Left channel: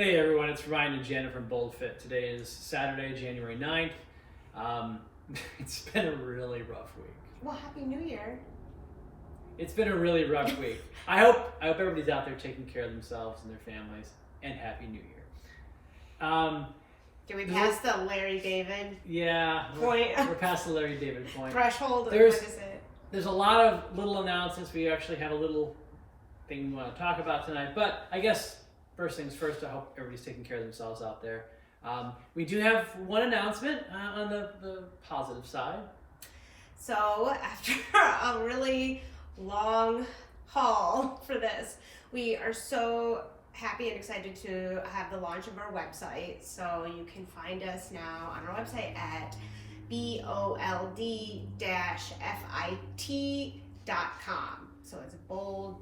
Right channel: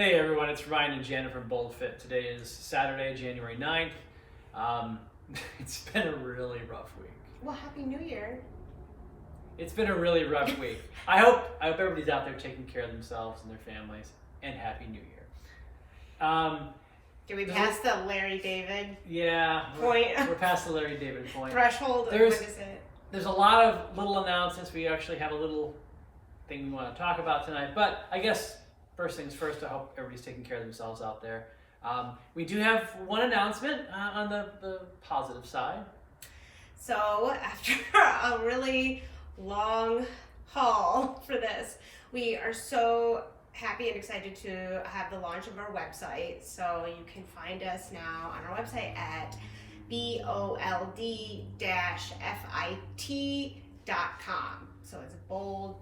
Hey everyone, it's Ryan and Janet from BoldFit. Today is Saturday, January 9th. It's been a really rough week. Well, Happy New Year. It's been a really rough week. I hope everybody's out there taking care of themselves and their families, and Happy New Year. Did we pass the Larry David Yeah, point? We're past the Larry David point. Threshold? There's- What is it? There's a lot of little announcements. We actually have a little thing we want to talk about tonight, but I guess first things first, I hope everybody's taking care of themselves out there. We do have one announcement on the positive side. So, after a really long haul for this, we are so happy and excited to have the launch of our website. So, you can find us now on our website at bold-fit.com. So, it's bold-fit.com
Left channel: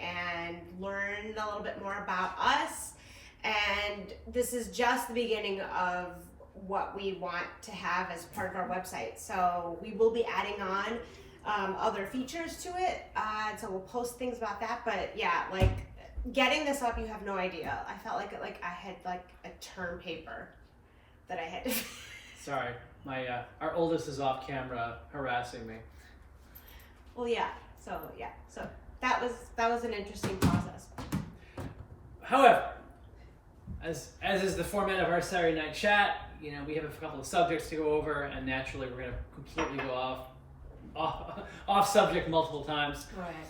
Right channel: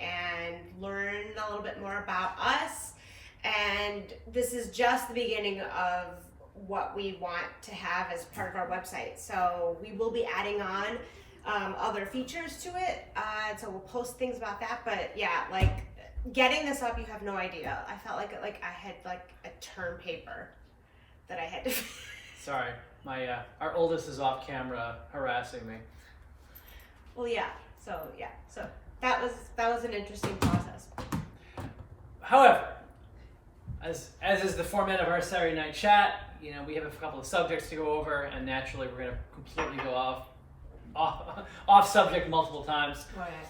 and learn a little bit more about us. And this is just the beginning of what we want to have as part of our website. So we will be adding on other features to it. So we'll post things about that. But yeah, like getting this up, you have no idea. I felt like I had like a term paper that I had to. Sorry, our oldest is off camera harassing me. Well, yeah. So that was an interesting process. However, as is the format of our Saturday night chat, we have a couple of subjects to go over, and naturally we're going to completely go off subject multiple times. Right.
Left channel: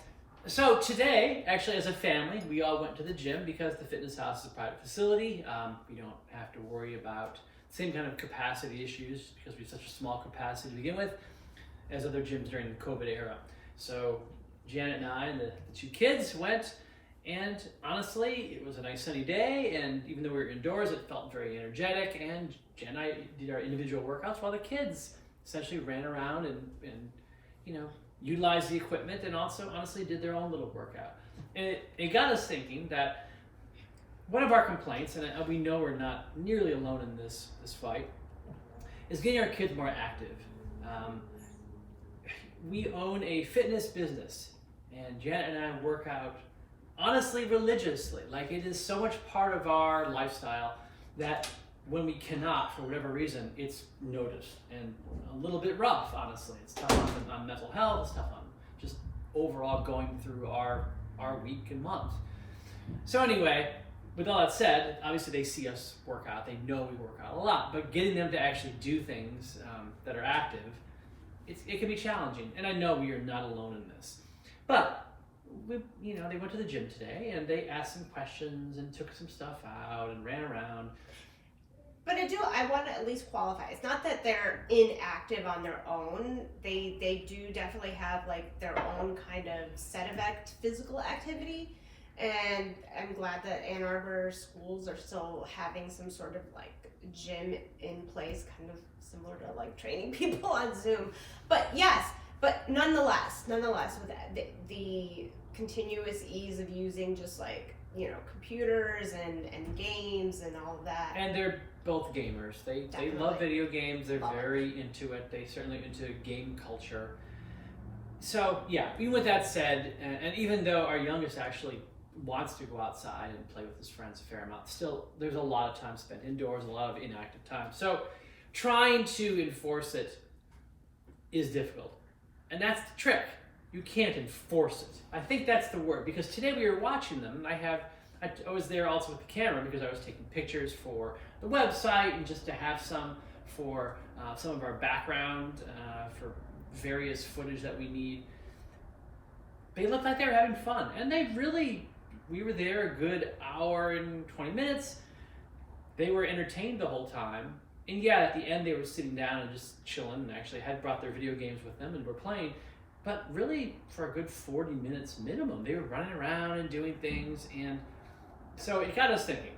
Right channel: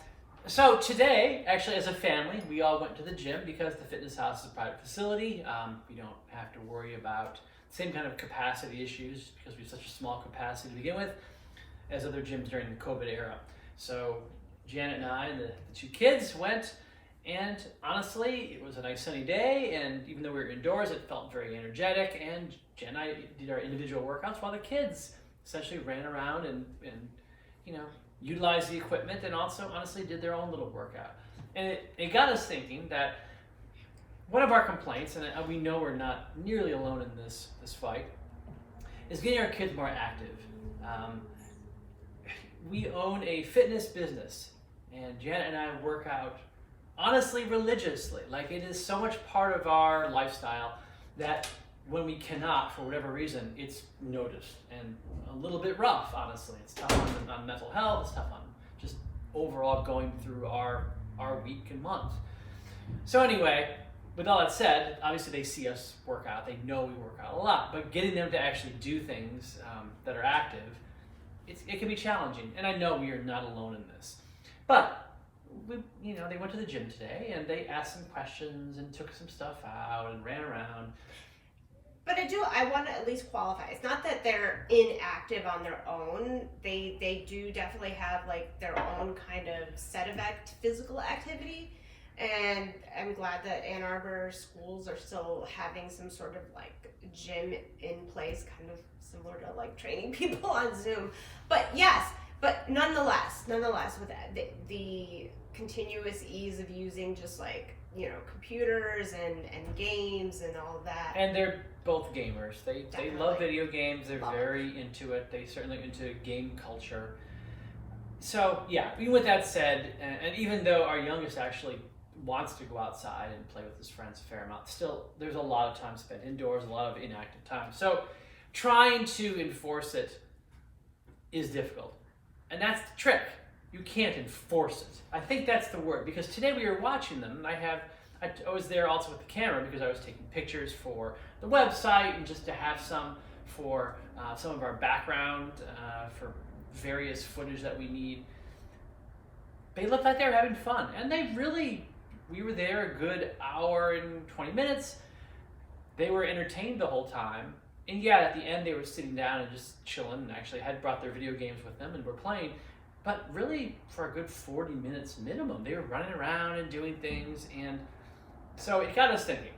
So today, actually, as a family, we all went to the gym because the fitness house is a private facility. We don't have to worry about the same kind of capacity issues because we have such a small capacity to begin with as other gyms during the COVID era. So Janet and I and the two kids went, and honestly, it was a nice sunny day, and even though we were indoors, it felt very energetic, and Jen and I did our individual workouts while the kids essentially ran around and utilized the equipment and also honestly did their own little workout. And it got us thinking that one of our complaints, and we know we're not nearly alone in this fight, is getting our kids more active. We own a fitness business, and Janet and I work out honestly religiously. Like, it is so much part of our lifestyle that when we cannot, for whatever reason, it's noticed and a little bit rough, honestly. It's tough on mental health, it's tough on just overall going through our week and month. So anyway, with all that said, obviously they see us work out, they know we work out a lot, but getting them to actually do things that are active, it can be challenging, and I know we are not alone in this. But they went to the gym today and they asked some questions and took some stuff out and ran around. But I want to at least qualify. It's not that they're inactive on their own. They do definitely have like their own kind of set of physical activity. And I'm glad that Ann Arbor schools are still having some sort of like gym in place, kind of similar to like training people on Zoom. But yes, but nonetheless, with the continuous ease of using just like, computers and games and all of that. And they're both gamers. They love video games. They're Love very into it. They certainly into game culture. So yeah, even with that said, and even though our youngest actually wants to go outside and play with his friends a fair amount, still there's a lot of time spent indoors, a lot of inactive time. So trying to enforce it is difficult. And that's the trick. You can't enforce it. I think that's the word, because today we were watching them. I was there also with the camera because I was taking pictures for the website and just to have some for some of our background for various footage that we need. They looked like they were having fun, and we were there a good hour and 20 minutes. They were entertained the whole time. And yeah, at the end they were sitting down and just chilling, and actually had brought their video games with them and were playing. But really, for a good 40 minutes minimum, they were running around and doing things. And so it got us thinking,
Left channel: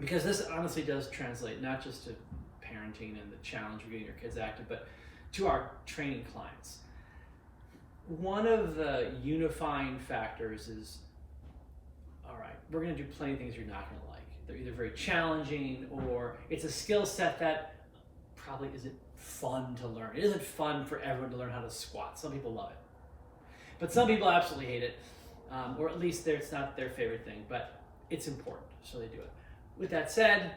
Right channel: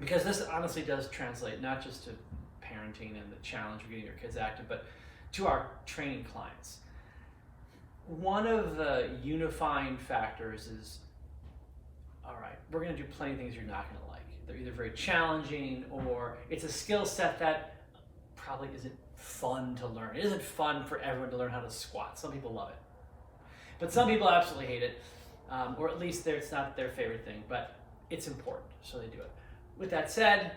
because this honestly does translate not just to parenting and the challenge of getting your kids active, but to our training clients. One of the unifying factors is, all right, we're going to do plenty of things you're not going to like. They're either very challenging, or it's a skill set that probably isn't fun to learn. It isn't fun for everyone to learn how to squat. Some people love it, but some people absolutely hate it, or at least it's not their favorite thing. But it's important, so they do it. With that said,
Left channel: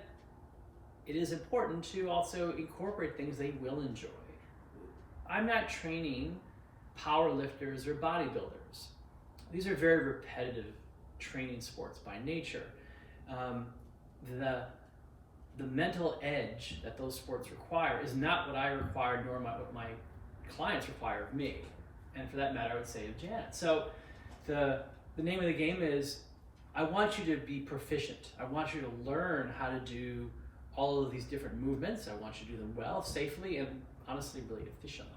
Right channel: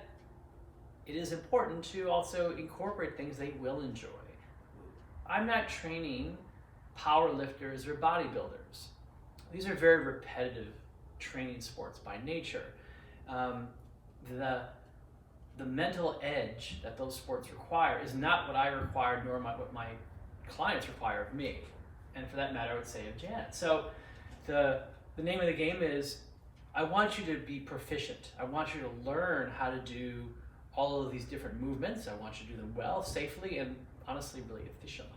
it is important to also incorporate things they will enjoy. I'm not training power lifters or bodybuilders. These are very repetitive training sports by nature. The mental edge that those sports require is not what I require, nor what my clients require of me. And for that matter, I would say of Janet. So the name of the game is, I want you to be proficient. I want you to learn how to do all of these different movements. I want you to do them well, safely, and honestly, really efficiently.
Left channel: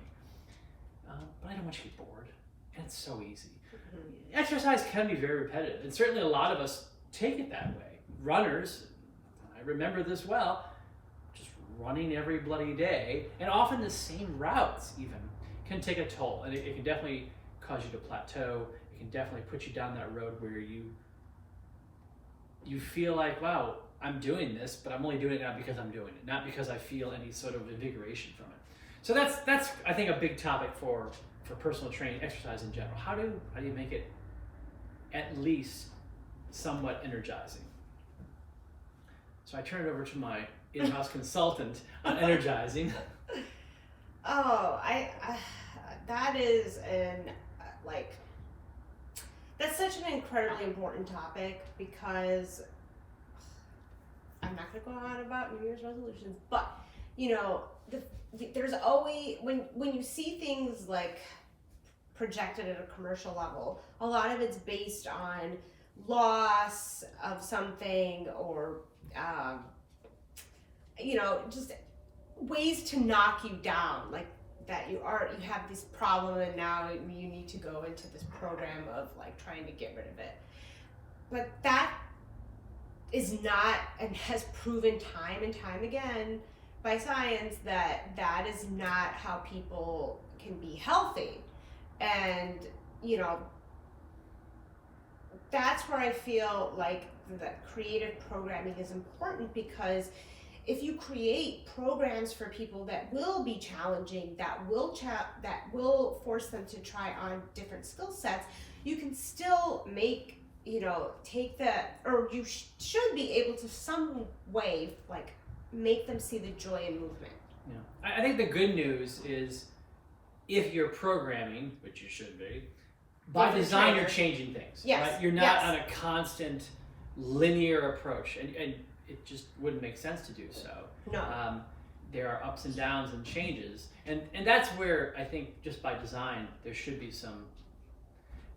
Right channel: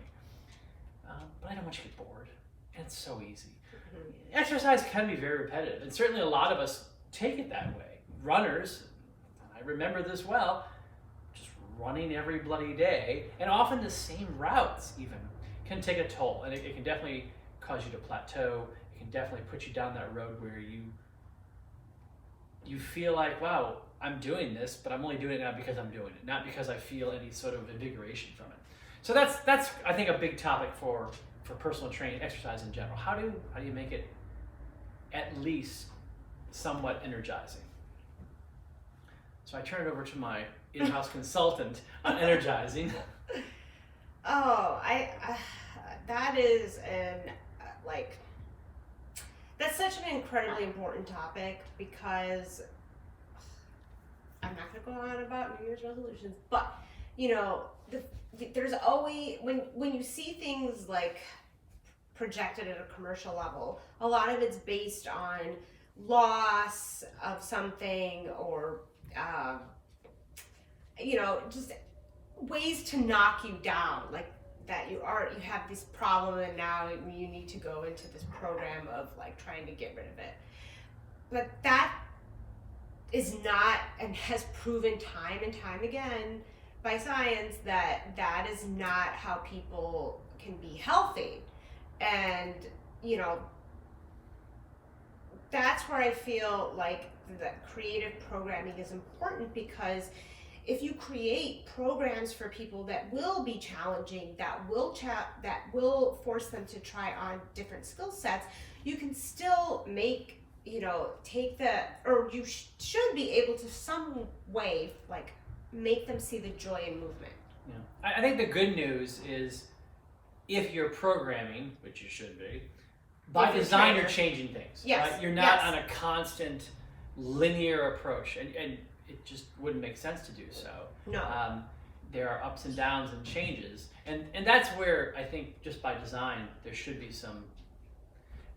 But I don't want you to get bored. And it's so easy. Mm-hmm. Exercise can be very repetitive, and certainly a lot of us take it that way. Runners, I remember this well, just running every bloody day, and often the same routes even, can take a toll. And it can definitely cause you to plateau. It can definitely put you down that road where you feel like, wow, I'm doing this, but I'm only doing it now because I'm doing it, not because I feel any sort of invigoration from it. So that's I think a big topic for personal training, exercise in general. How do you make it at least somewhat energizing? So I turn it over to my in-house consultant on energizing. Oh, that is that's such an incredibly important topic, because I'm not going to go on about New Year's resolutions, but there's always, when you see things like projected at a commercial level, a lot of it's based on loss of something, or just ways to knock you down, like that you have this problem and now you need to go into this program of like trying to get rid of it. But that is not, and has proven time and time again by science, that is not how people can be healthy. And that's where I feel like that creative programming is important, because if you create programs for people that will be challenging, that will force them to try on different skill sets, you can still make, take or you should be able to some way like make them see the joy in movement. Yeah, I think the good news is, if you're programming, which you should be, by design you're changing things. Yes. Right? You're not on a constant linear approach, and it just wouldn't make sense to do so. No. There are ups and downs and changes, and that's where I think just by design there should be some.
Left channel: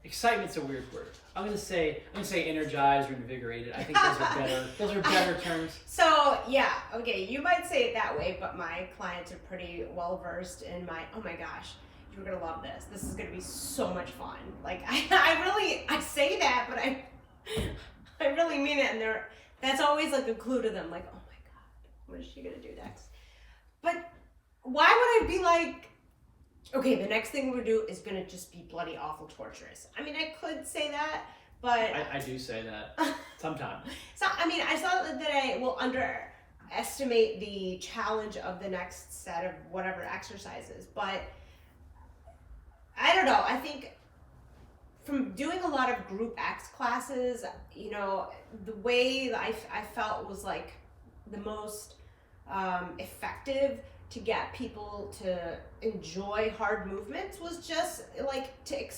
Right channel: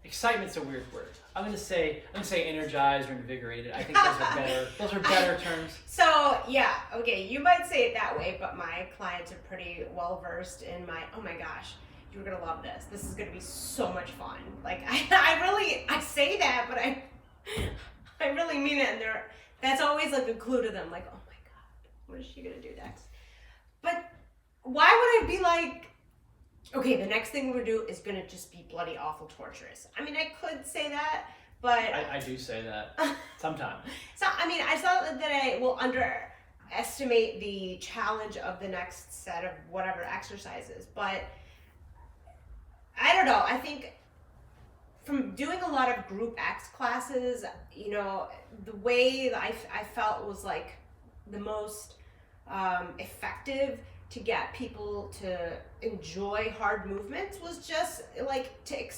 Excitement's a weird word. I'm gonna say energized or invigorated. I think those are better. Those are better terms. So yeah, okay, you might say it that way, but my clients are pretty well versed in oh my gosh, you're gonna love this. This is gonna be so much fun. Like I say that, but I really mean it, and that's always like a clue to them, like, oh my God, what is she gonna do next? But why would I be like, okay, the next thing we're gonna do is gonna just be bloody awful torturous? I mean, I could say that, but I do say that sometimes. So I saw that I will underestimate the challenge of the next set of whatever exercises, but I don't know. I think from doing a lot of group X classes, the way that I felt was like the most effective to get people to enjoy hard movements was just like to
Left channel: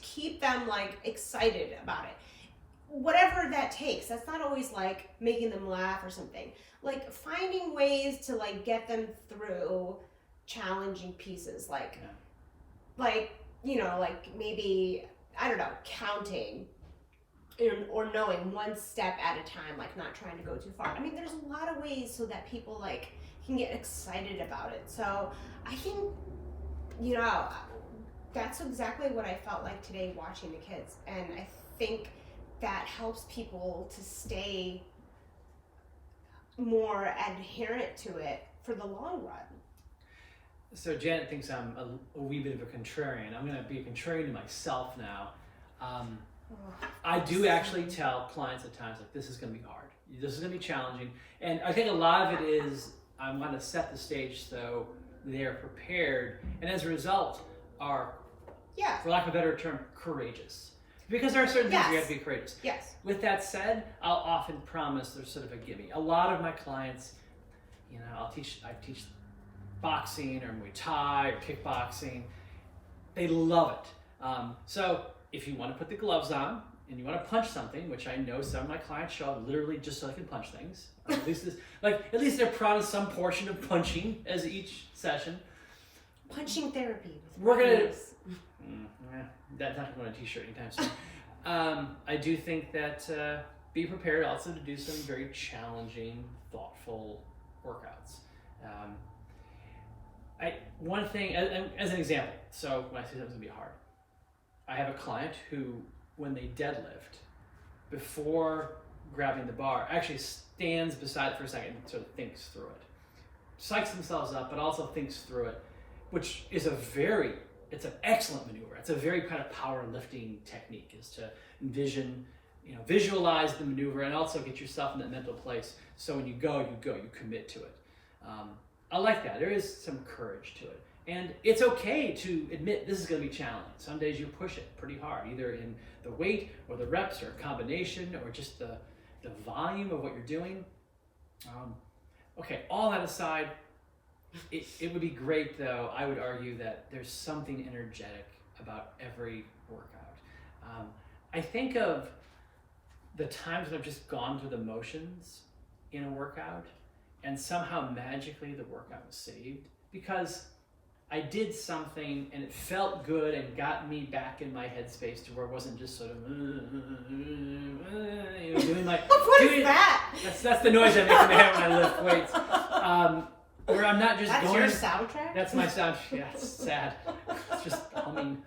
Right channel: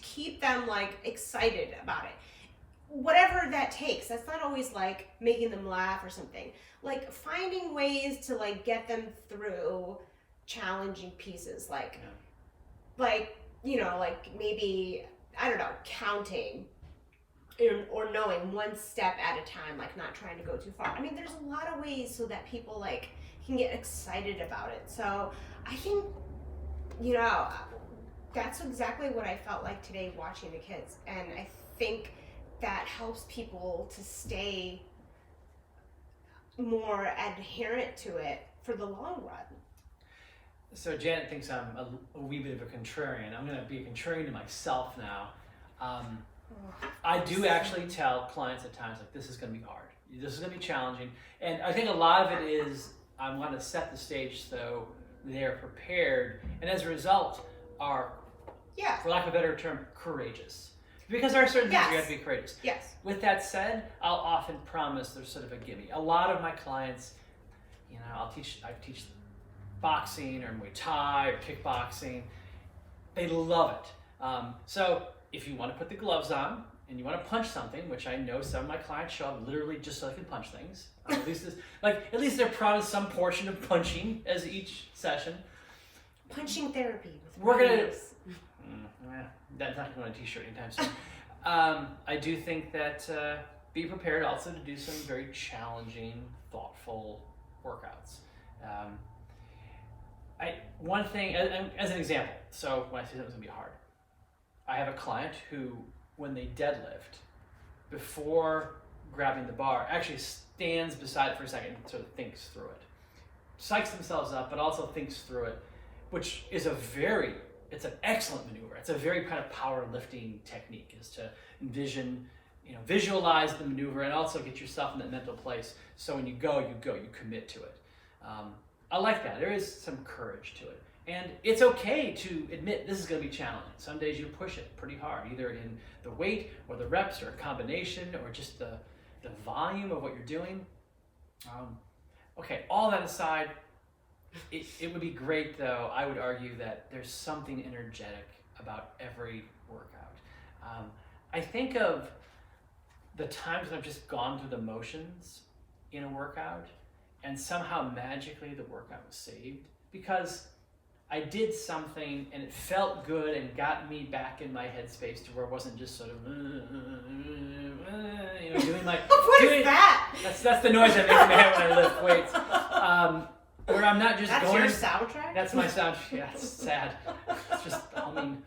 keep them like excited about it. Whatever that takes. That's not always like making them laugh or something. Like finding ways to like get them through challenging pieces, like maybe, I don't know, counting or knowing one step at a time, like not trying to go too far. I mean, there's a lot of ways so that people like can get excited about it. So I think, that's exactly what I felt like today watching the kids. And I think that helps people to stay more adherent to it for the long run. So Janet thinks I'm a wee bit of a contrarian. I'm going to be a contrarian to myself now. I do actually tell clients at times, like, this is going to be hard. This is going to be challenging. And I think a lot of it is I want to set the stage so they're prepared, and as a result are, for lack of a better term, courageous. Because there are certain things we have to be courageous. Yes. With that said, I'll often promise there's sort of a gimme. A lot of my clients, I teach boxing or Muay Thai or kickboxing. They love it. So if you want to put the gloves on and you want to punch something, which I know some of my clients show up literally just so they can punch things. At least they're promised some portion of punching as each session. Punching therapy with We're gonna. rhinos. That's not going to be on a t-shirt anytime soon. I do think that be prepared also to do some very challenging, thoughtful workouts. One thing, as an example, so when I say something's going to be hard, I have a client who, when they deadlift, before grabbing the bar, actually stands beside it for a second and sort of thinks through it. Psychs themselves up, but also thinks through it, which is it's an excellent maneuver. It's a very kind of powerlifting technique, is to visualize the maneuver and also get yourself in that mental place. So when you commit to it. I like that. There is some courage to it. And it's okay to admit this is going to be challenging. Some days you push it pretty hard, either in the weight or the reps or a combination or just the volume of what you're doing. Okay, all that aside, it would be great, though, I would argue, that there's something energetic about every workout. I think of the times when I've just gone through the motions in a workout and somehow magically the workout was saved because I did something and it felt good and got me back in my headspace to where it wasn't just sort of doing my... What is that? That's the noise I make in my head when I lift weights. Where I'm not just That's going... your soundtrack? That's my sound. Yeah, it's sad. It's just humming.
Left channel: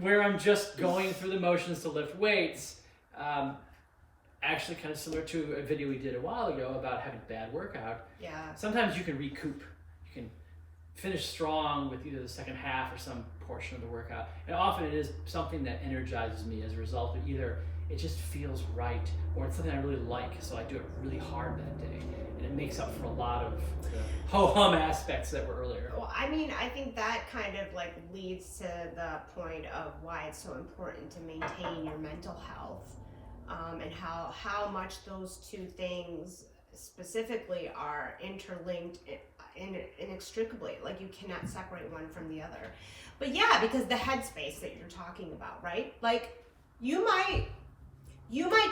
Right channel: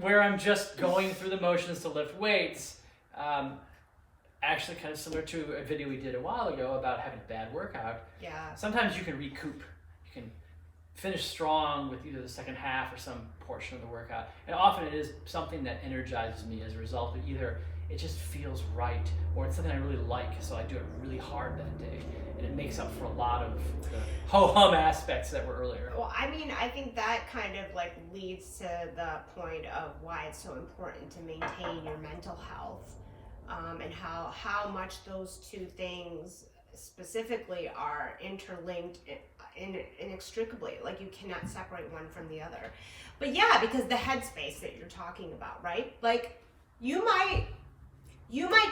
Where I'm just going through the motions to lift weights. Actually, kind of similar to a video we did a while ago about having a bad workout. Yeah. Sometimes you can recoup. You can finish strong with either the second half or some portion of the workout. And often it is something that energizes me as a result of either it just feels right or it's something I really like, so I do it really hard that day. And it makes up for a lot of the ho-hum aspects that were earlier. Well, I mean, I think that kind of leads to the point of why it's so important to maintain your mental health, and how much those two things specifically are interlinked inextricably. You cannot separate one from the other. But yeah, because the headspace that you're talking about, right? You might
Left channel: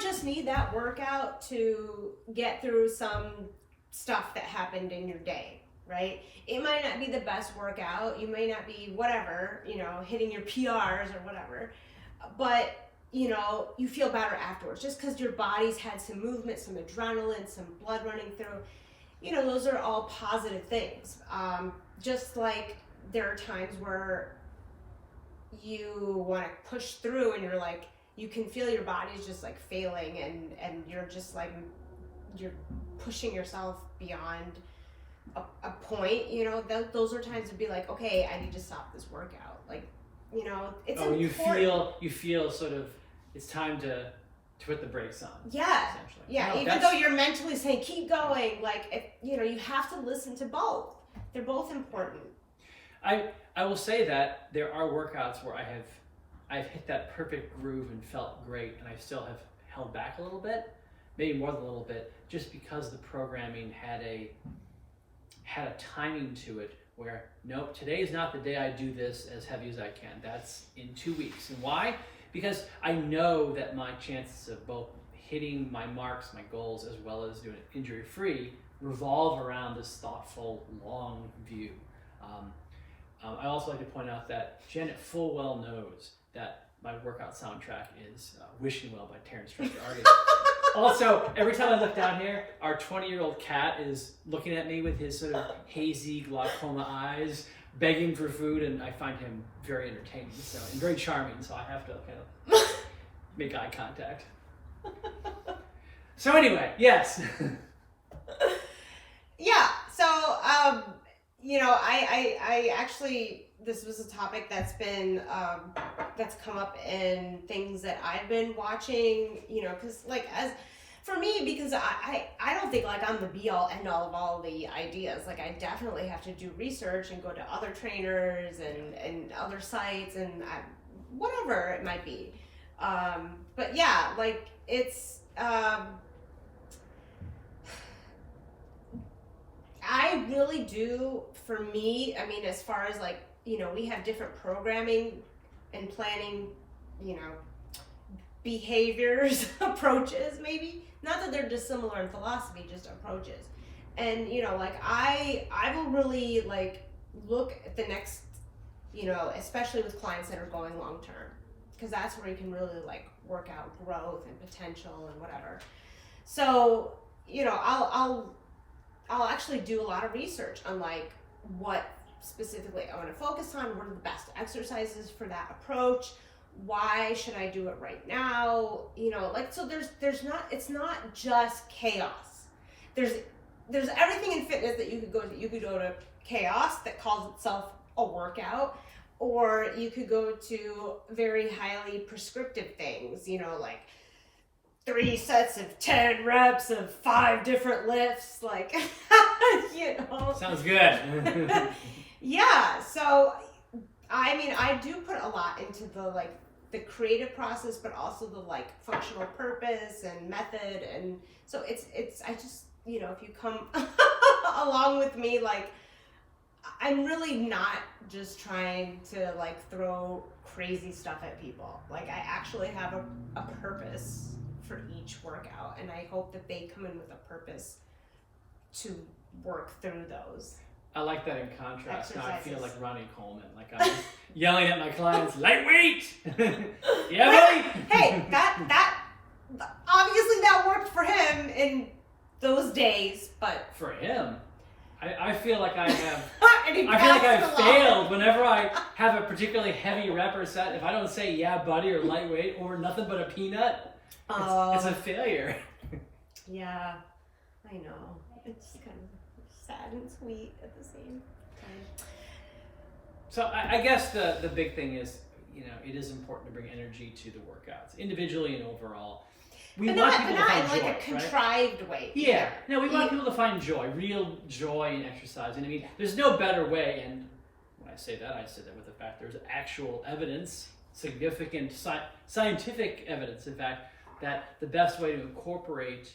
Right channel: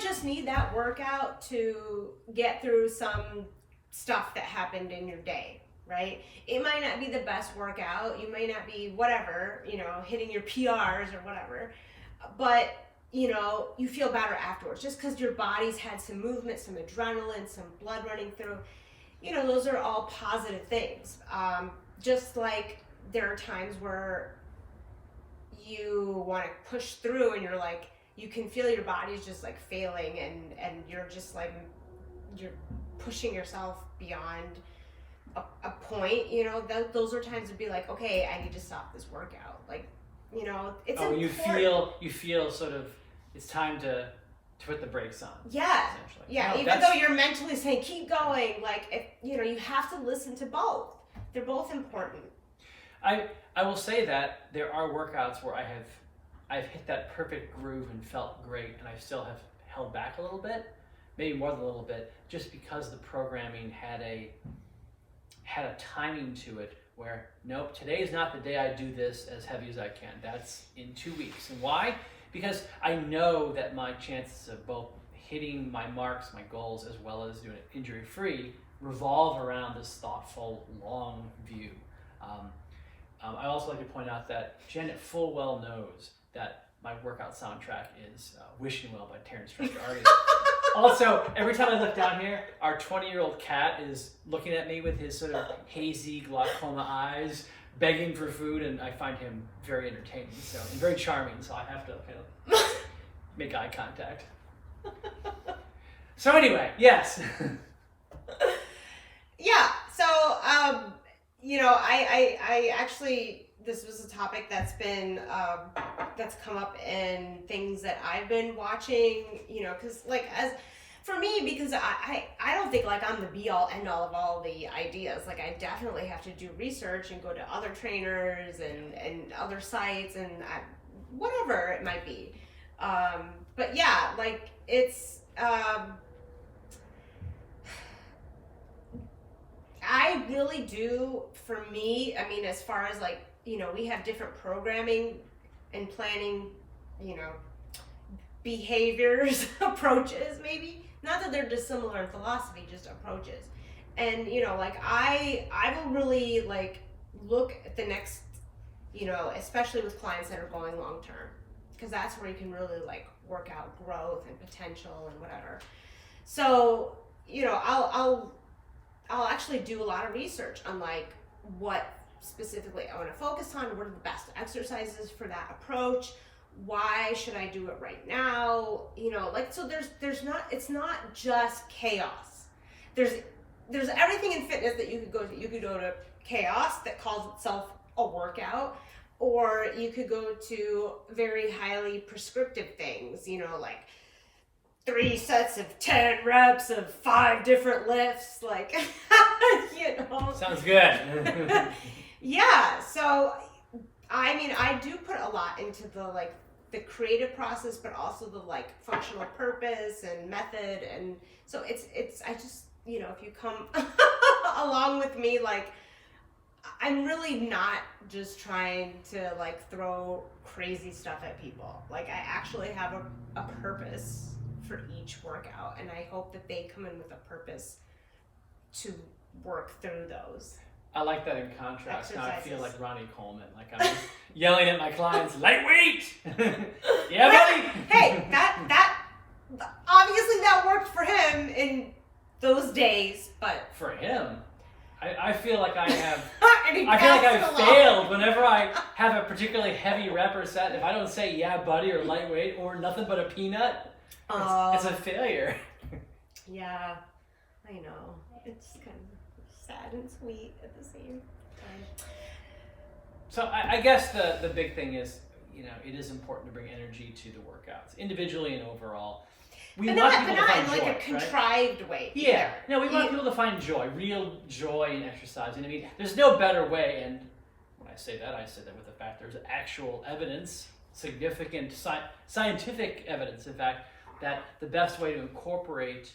just need that workout to get through some stuff that happened in your day, right? It might not be the best workout. You may not be whatever, hitting your PRs or whatever, but you feel better afterwards just because your body's had some movement, some adrenaline, some blood running through. Those are all positive things. Just like there are times where you want to push through and you're you can feel your body's just failing and you're just you're pushing yourself beyond a point, those are times to be okay, I need to stop this workout. It's important. You feel sort of it's time to put the brakes on. Yeah. Yeah. Even though you're mentally saying keep going, you have to listen to both. They're both important. I will say that there are workouts where I've hit that perfect groove and felt great, and I still have held back a little bit, maybe more than a little bit, just because the programming had a timing to it where, nope, today is not the day I do this as heavy as I can. That's in 2 weeks. And why? Because I know that my chances of both hitting my marks, my goals, as well as doing it injury-free revolve around this thoughtful, long view. I also like to point out that Janet full well knows that my workout soundtrack is Wishing Well by Terrence Trent D'Arby. Also, every time I look down here, our 20-year-old cat is looking at me with his sort of hazy glaucoma eyes, begging for food, and I find him very entertaining, and very charming, so I have to kind of make eye contact. So anyway, yes. Yeah, so, I actually, this was a topic that's been, that's come up in things that I've been watching, because as for me, because I don't think I'm the be all end all of all the ideas. I definitely have to do research and go to other trainers and other sites, and whatever it might be. But yeah, like it's, I really do, for me, I mean, as far as like, you know, we have different programming and planning, you know, behaviors, approaches maybe. Not that they're dissimilar in philosophy, just approaches. And, you know, like I will really like look at the next, you know, especially with clients that are going long term, because that's where you can really like work out growth and potential and whatever. So, you know, I'll actually do a lot of research on like what specifically I want to focus on, what are the best exercises for that approach, why should I do it right now, you know, like, so there's not, it's not just chaos. There's everything in fitness that you could go to. You could go to chaos that calls itself a workout, or you could go to very highly prescriptive things, you know, like 3 sets of 10 reps of 5 different lifts, like, you know. Sounds good. Yeah, so, I mean, I do put a lot into the, like, the creative process, but also the, like, functional purpose and method, and so it's, I just, you know, if you come along with me, like, I'm really not just trying to, like, throw crazy stuff at people. Like, I actually have a purpose for each workout, and I hope that they come in with a purpose to work through those. I like that in contrast. Now I feel Exercises. like Ronnie Coleman, like I'm yelling at my clients, lightweight! Yeah, buddy! Hey, that obviously that worked for him in those days, but For him, I feel like I have, and he I feel like passed it I've along. failed whenever I have a particularly heavy rep or set. If I don't say yeah, buddy, or lightweight, or nothing but a peanut, it's a failure. Yeah, I know. It's kind of sad and sweet at the same time. So I guess the big thing is, you know, it is important to bring energy to the workouts, individually and overall. But not in like a contrived way. Yeah, either. no, we want people to find joy, real joy in exercising. I mean, there's no better way, and when I say that with the fact there's actual evidence, significant scientific evidence, in fact, that the best way to incorporate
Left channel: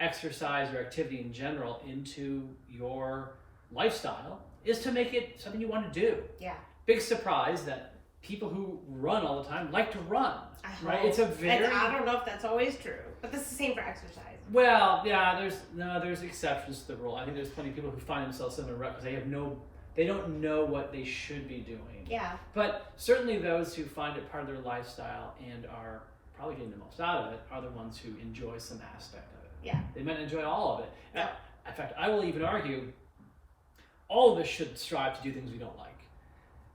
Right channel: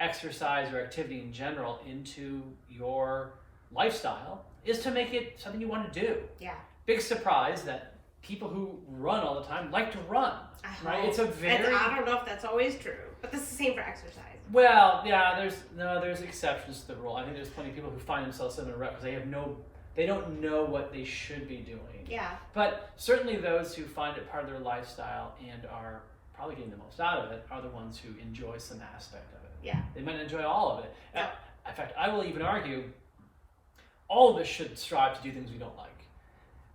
exercise or activity in general into your lifestyle is to make it something you want to do. Yeah. Big surprise that people who run all the time like to run, right? hope. It's a very... And I don't know if that's always true, but that's the same for exercise. Well, yeah, there's exceptions to the rule. I think there's plenty of people who find themselves in a rut because they don't know what they should be doing. Yeah. But certainly those who find it part of their lifestyle and are probably getting the most out of it are the ones who enjoy some aspect of it. Yeah. They might not enjoy all of it. Yeah. In fact, I will even argue all of us should strive to do things we don't like.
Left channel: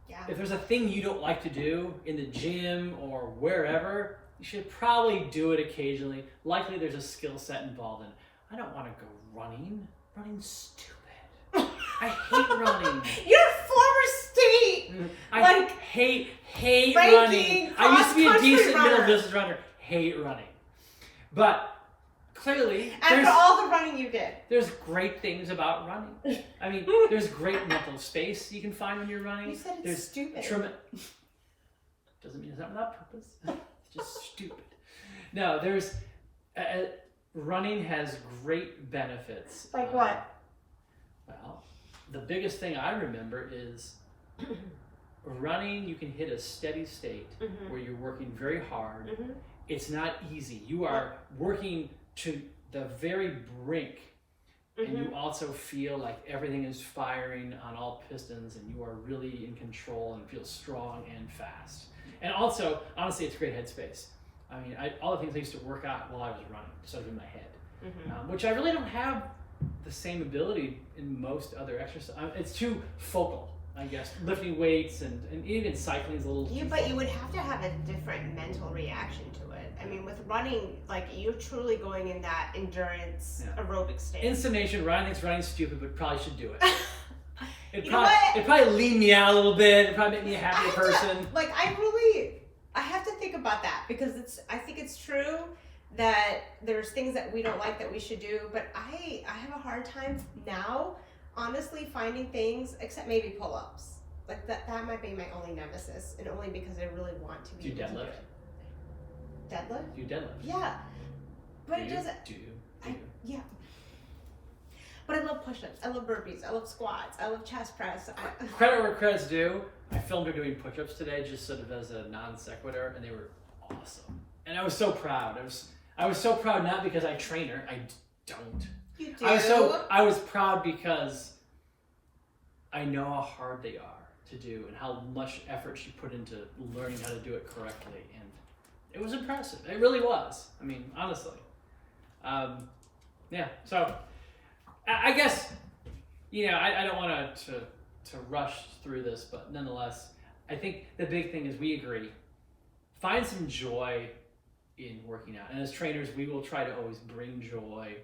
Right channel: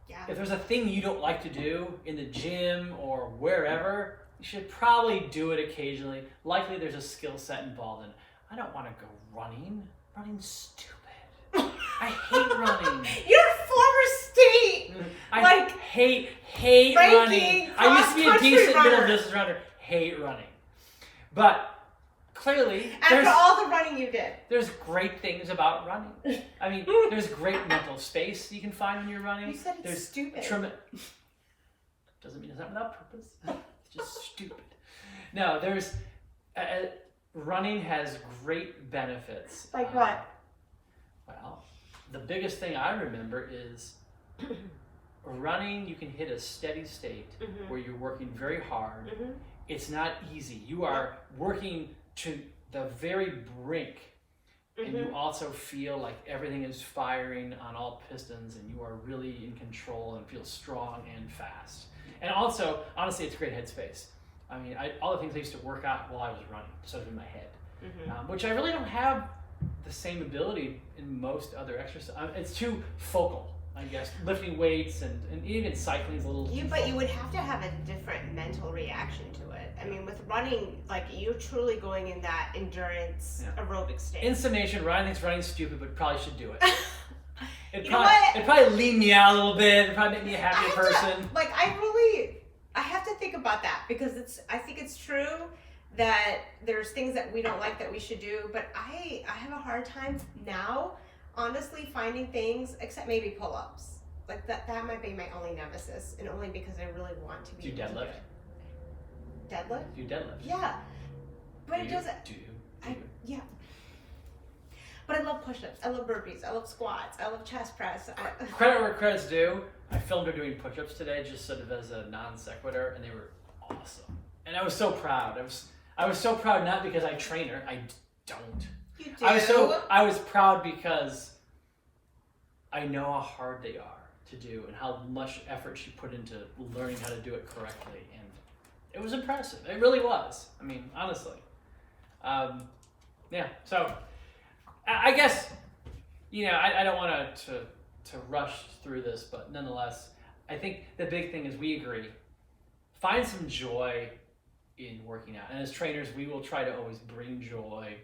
Yeah. If there's a thing you don't like to do in the gym or wherever, you should probably do it occasionally. Likely there's a skill set involved in it. I don't want to go running. Running's stupid. I hate running. Your former state, I like, hate ranking running. I used to be a cross-country decent middle runner. distance runner. Hate running. But clearly, After all the running you did. there's great things about running. I mean, there's great mental space you can find when you're running. You said it's There's stupid. Doesn't mean it's not without purpose. It's just stupid. No, there's running has great benefits. Like what? Well, the biggest thing I remember is running. You can hit a steady state where you're working very hard. Mm-hmm. It's not easy. You are working to the very brink. And you also feel like everything is firing on all pistons and you are really in control and feel strong and fast. And also, honestly, it's a great headspace. I mean, all the things I used to work out while I was running, sort of in my head, which I really don't have the same ability in most other exercises. It's too focal, I guess. Lifting weights and even cycling is a little... But you would have to have a different mental reaction to it. I mean, with running, like, you're truly going in that endurance aerobic state. In summation, Ryan thinks running's stupid, but probably should do it. It'd what? probably lean me out a little bit. It'd probably make me a happier person. I have to think about that because I think it's true that there's things that we don't like that we should do, but I have a hard time now, honestly, finding things, except maybe pull-ups. like that might be my only nemesis, and only because I really want to be Do you able to do deadlift? it. Deadlift? Do you deadlift? Yeah, but it doesn't. Do you? Yeah. But I love push-ups. I love burpees. I love squats. I love chest press. Credit where credit's due. I filmed her doing push-ups today, just sort of as a non sequitur, and they were awesome. And I was so proud. I was so proud, not because I train her. I don't. You do. I was proud because I know how hard they are to do and how much effort she put into learning how to do it correctly, and it was impressive. It really was. I mean, honestly. Yeah. So I guess, you know, I don't want to rush through this, but nonetheless, I think the big thing is we agree. Find some joy in working out, and as trainers, we will try to always bring joy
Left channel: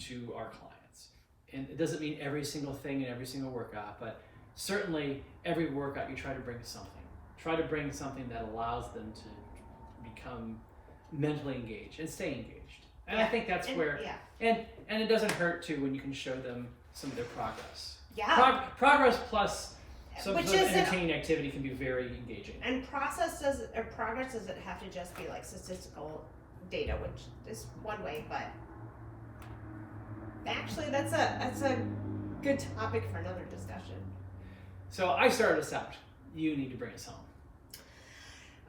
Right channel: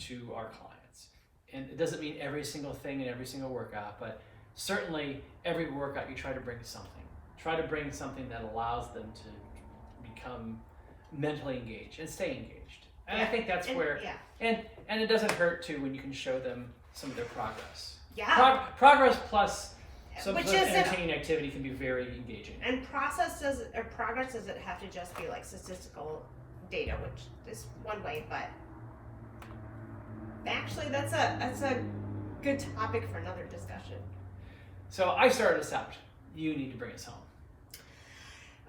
to our clients. And it doesn't mean every single thing in every single workout, but certainly every workout you try to bring something. Try to bring something that allows them to become mentally engaged and stay engaged. And I think that's where, and it doesn't hurt too when you can show them some of their progress. Yeah. Progress plus some Which sort of isn't- entertaining activity can be very engaging. And progress doesn't have to just be like statistical data, which is one way, but actually that's a good topic for another discussion. So I started us out. You need to bring us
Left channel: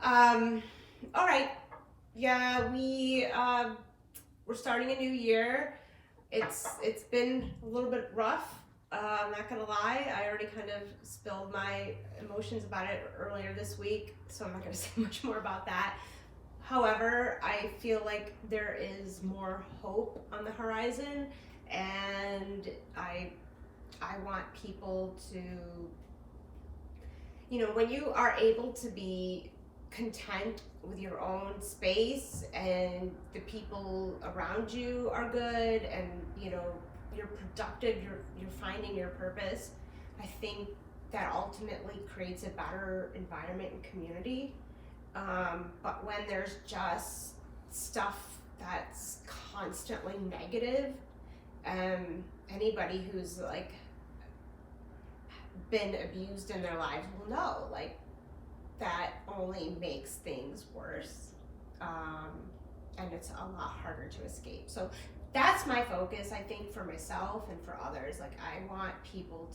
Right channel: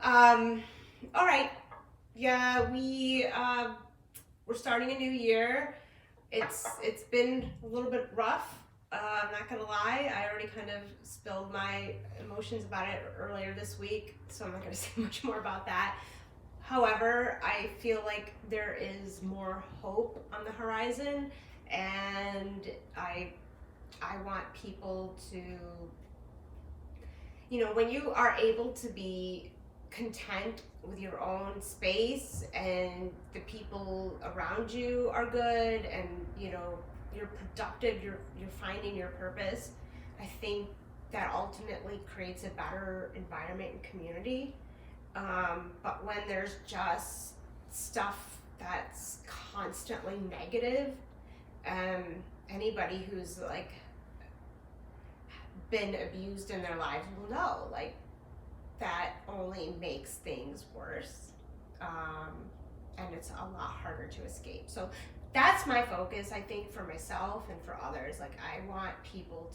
home. All right. Yeah, we're starting a new year. It's been a little bit rough. I'm not gonna lie. I already kind of spilled my emotions about it earlier this week, so I'm not gonna say much more about that. However, I feel like there is more hope on the horizon, and I want people to, you know, when you are able to be content with your own space and the people around you are good, and you know you're productive, you're finding your purpose, I think that ultimately creates a better environment and community. But when there's just stuff that's constantly negative, anybody who's like been abused in their lives will know, like, that only makes things worse, and it's a lot harder to escape. So that's my focus, I think, for myself and for others. Like, I want people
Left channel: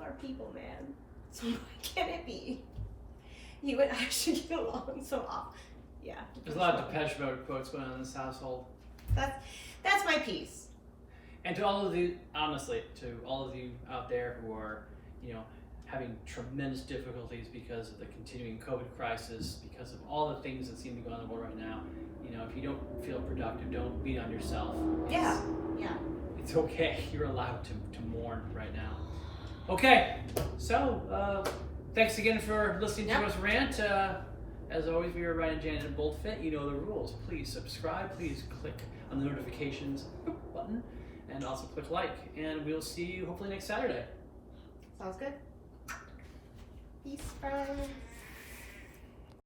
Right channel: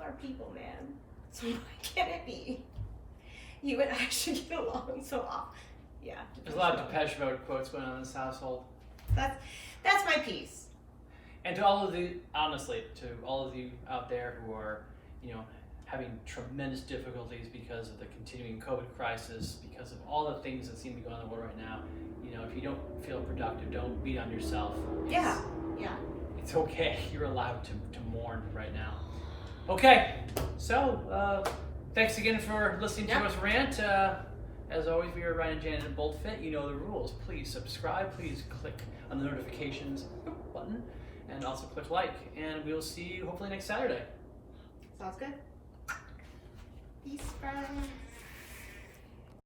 are people, man. So why can't it be? You and I should get along so often. Yeah. There's a lot of Depeche Mode quotes going on in this household. That's my piece. And to all of you, honestly, to all of you out there who are, you know, having tremendous difficulties because of the continuing COVID crisis, because of all the things that seem to be going on in the world right now, you know, if you don't feel productive, don't beat on yourself. Yeah. It's okay. You're allowed to mourn right now. Okay, so thanks again for listening to us rant. As always, we are Ryan and Janet and BoldFit. You know the rules. Please subscribe. Please click on the notifications button, and also click like. And we'll see you hopefully next Saturday. Sounds good. Peace, friends.